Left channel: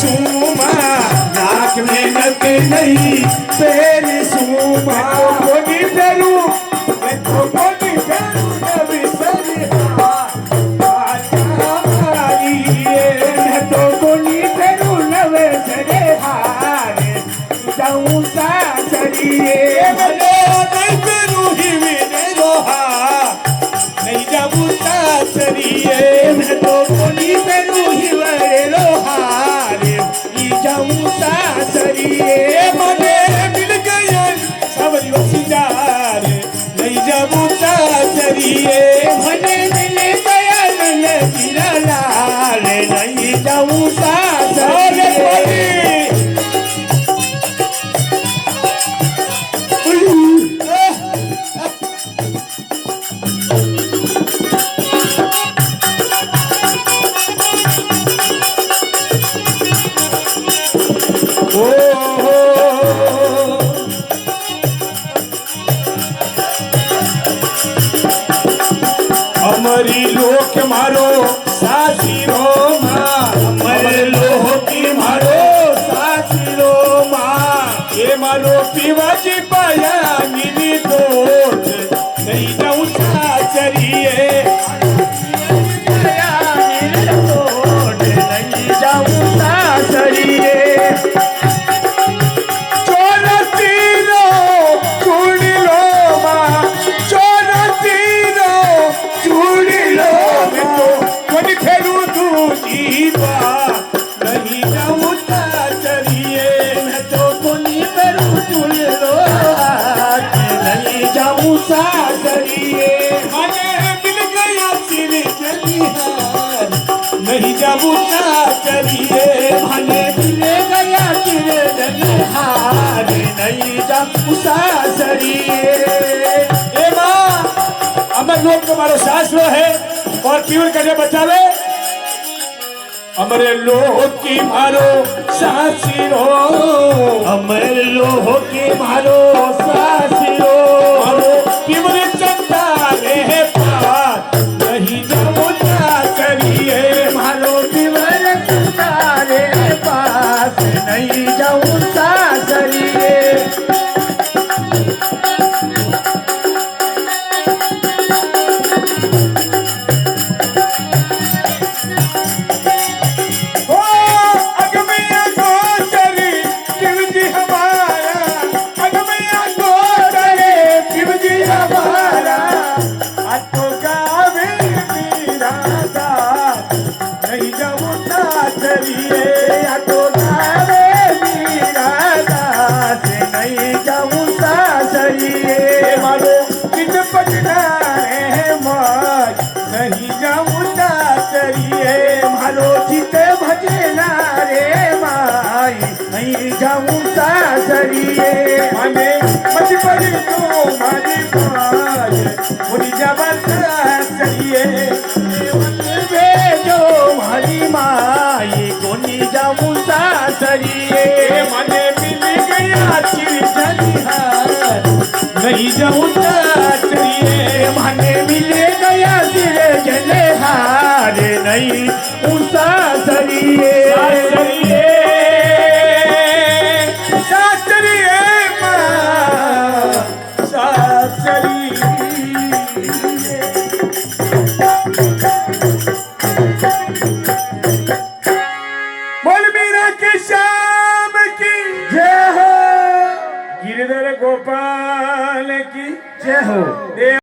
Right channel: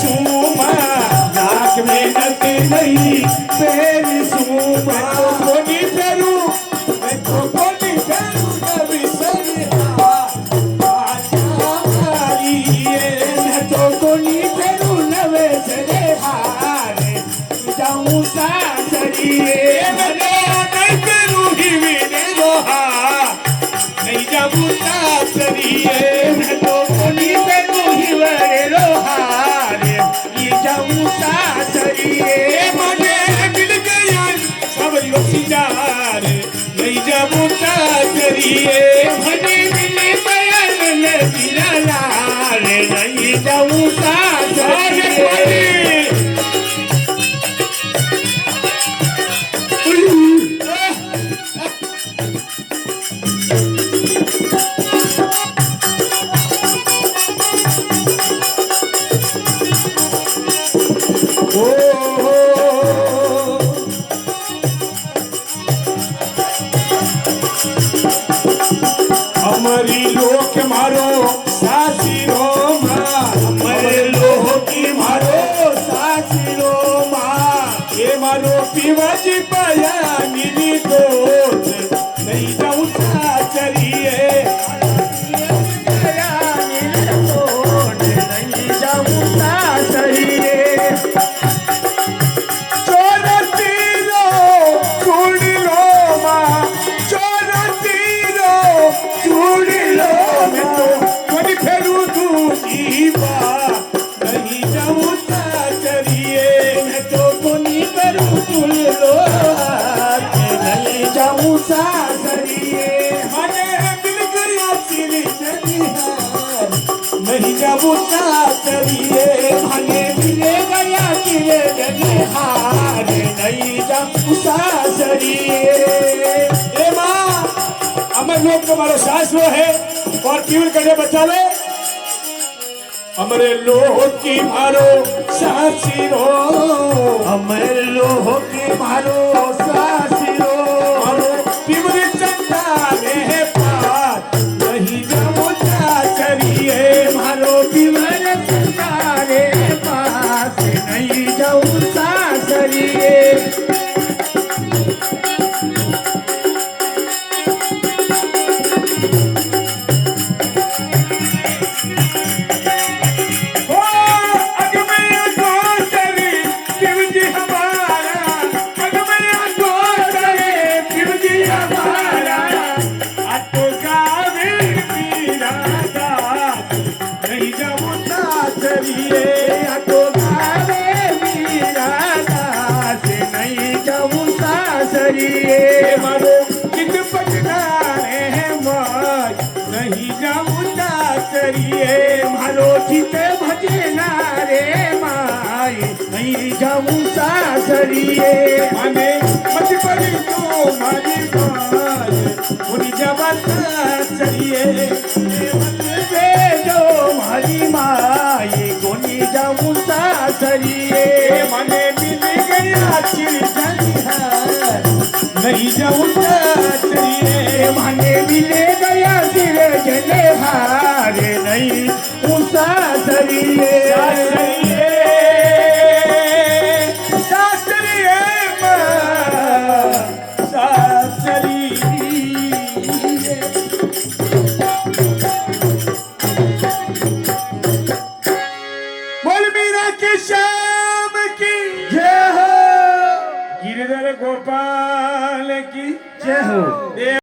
सुमा लाख मेहनत नहीं तेरी सुमा कोनी फेरू कोनी फेरू नवी सरी तो कोनी फेरू नवे सरे हारे जाऊं सासरिए बने नहीं फेरू ही विने रोहा नहीं जाऊं सासरिए तो कोनी फेरू ही वरे रोहारे जाऊं सासरिए बने मिल गया सबरी वसीदार नहीं जाऊं सासरिए बने मिल गया नंदीला लाल नहीं जाऊं सासरिए अमरी लोक मारो सासीरो माँ अमरे लोकी मारो सासीरो माँ ये मारो पीवाजी पाया नीली कोट नहीं जाऊं सासरिए नहीं जाऊं सासरिए नहीं जाऊं सासरिए मैं तो कोनी करूं तुझे लो नहीं जाऊं सासरिए हमें मिल गया तेरे जनिहार नहीं जाऊं सासरिए हमें मिल गया तेरे जनिहार नहीं जाऊं सासरिए ए माँ अमर लोग तुम्हारे सासुर है और केवल करके बचावे अमरे लोह की मारो सासिरो अमरे लोह की मारो सासिरो मारो पिमरे चंदा रे पार नहीं जाओ सासरिए मारो पिमरे चंदा रे पास नहीं जाओ सासरिए नहीं जाऊं सासरिए तो गावे मेरा दास नहीं जाऊं सासरिए मारो कित पटना है माय नहीं जाऊं सासरिए मारो चित भजना रे माय नहीं जाऊं सासरिए हमें मत पड़ी तो मारी माय मुझे जब सासरिए जाऊं सासरिए मने मिल गया जनिहार नहीं जाऊं सासरिए मने मिल गया जनिहार नहीं सासरिए सासरिए सासरिए श्याम की जय हो गिरिधर गोपाल की जय हो।